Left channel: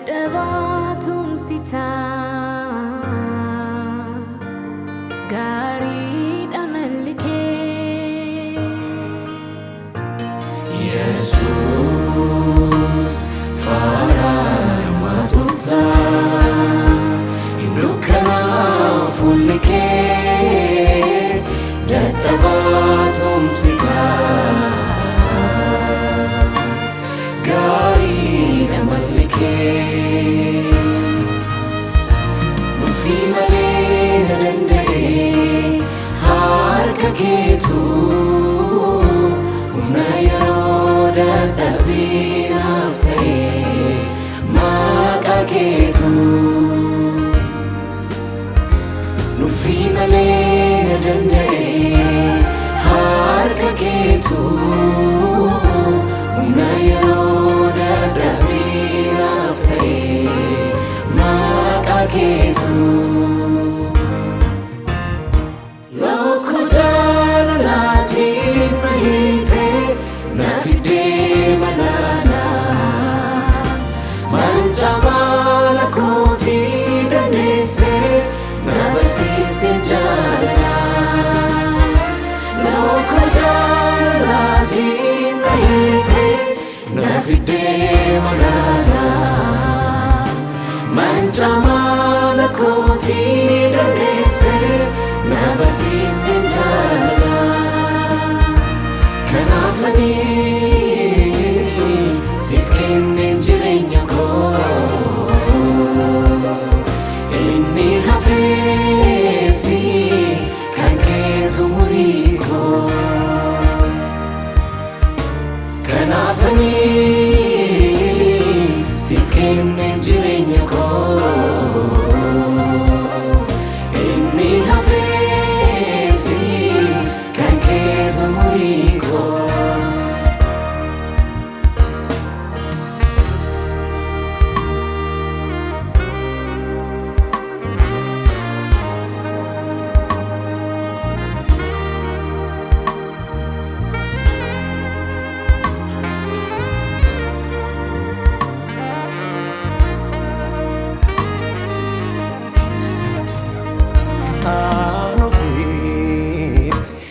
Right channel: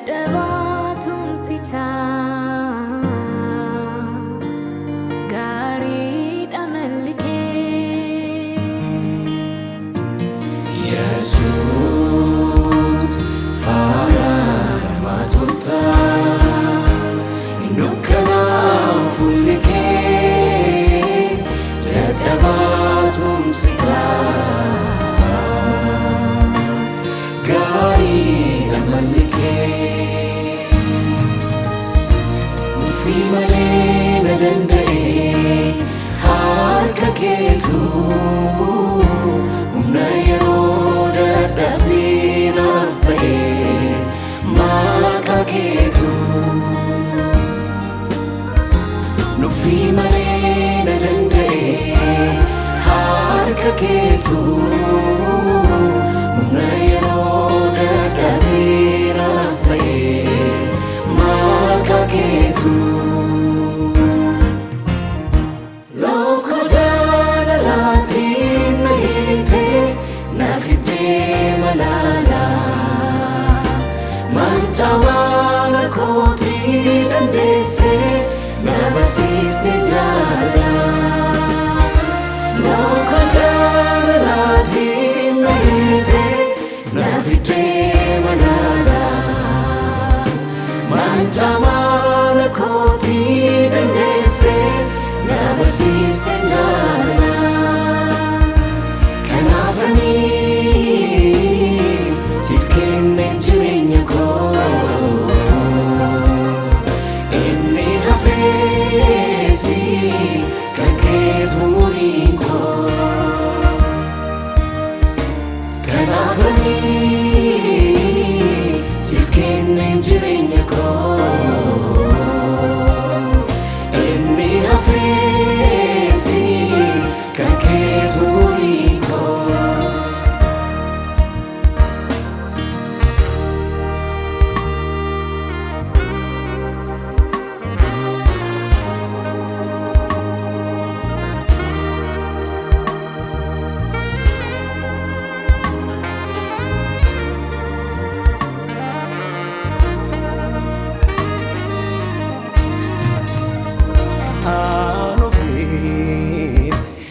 Daddabaatuun sitaa gaariidha malli kee Yesuus faaraan maatota hindukkanaa'u fuulli kee daddabaatuun sitaa gaariidha malli kee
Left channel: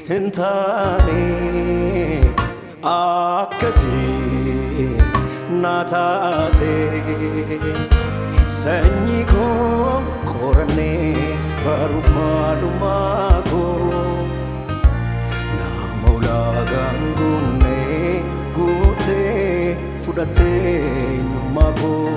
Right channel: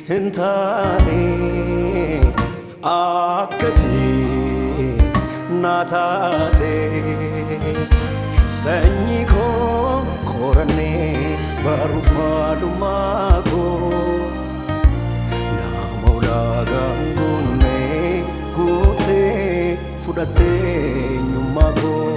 Hintane akkati naatate sanyii koo qorannee baruuf maalummaa koo nama ulaagaan guunnee guutee fudhattee eenyummaa koo.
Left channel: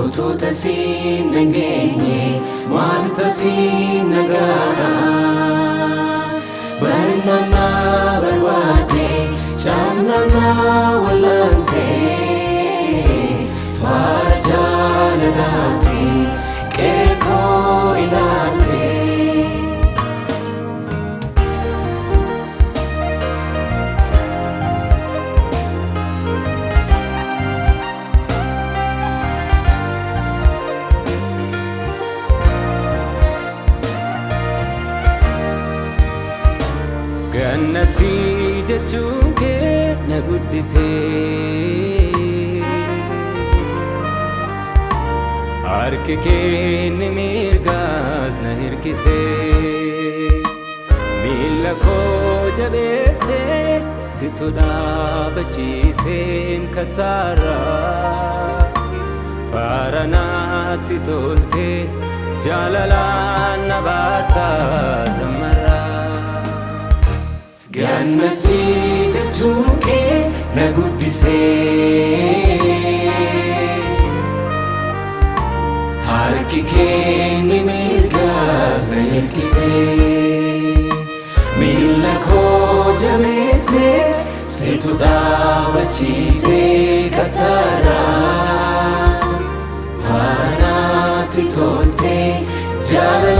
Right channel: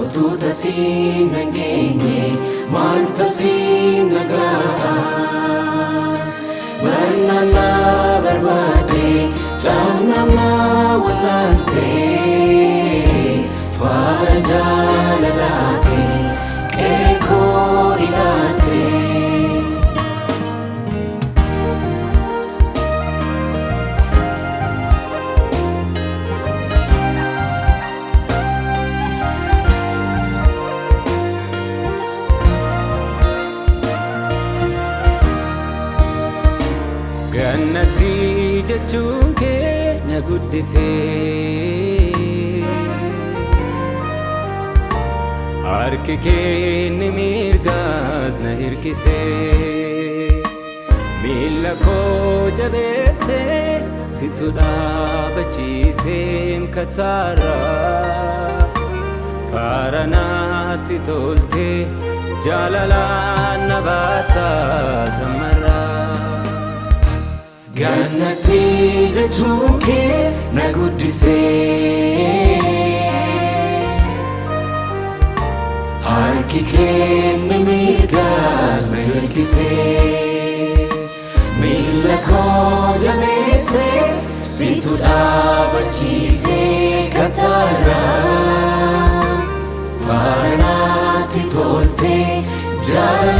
Ututa sin nagenge, manta sin nagara. Banana barwade, janana walante. Farajala nati, keko inante. Jannati jechuun kee na guddisee harki kee ni mirgaas na hirkisee miila koo jabeessee situ dhaabachiisee mkataarraa faara naatti toltee jaalalaan na baattaa tamarraa. Jannati jechuun kee na guddisee harki kee ni mirgaas na hirkisee miila koo jabeessee situ dhaabachiisee kataarraa faara naatti toltee jaalalaan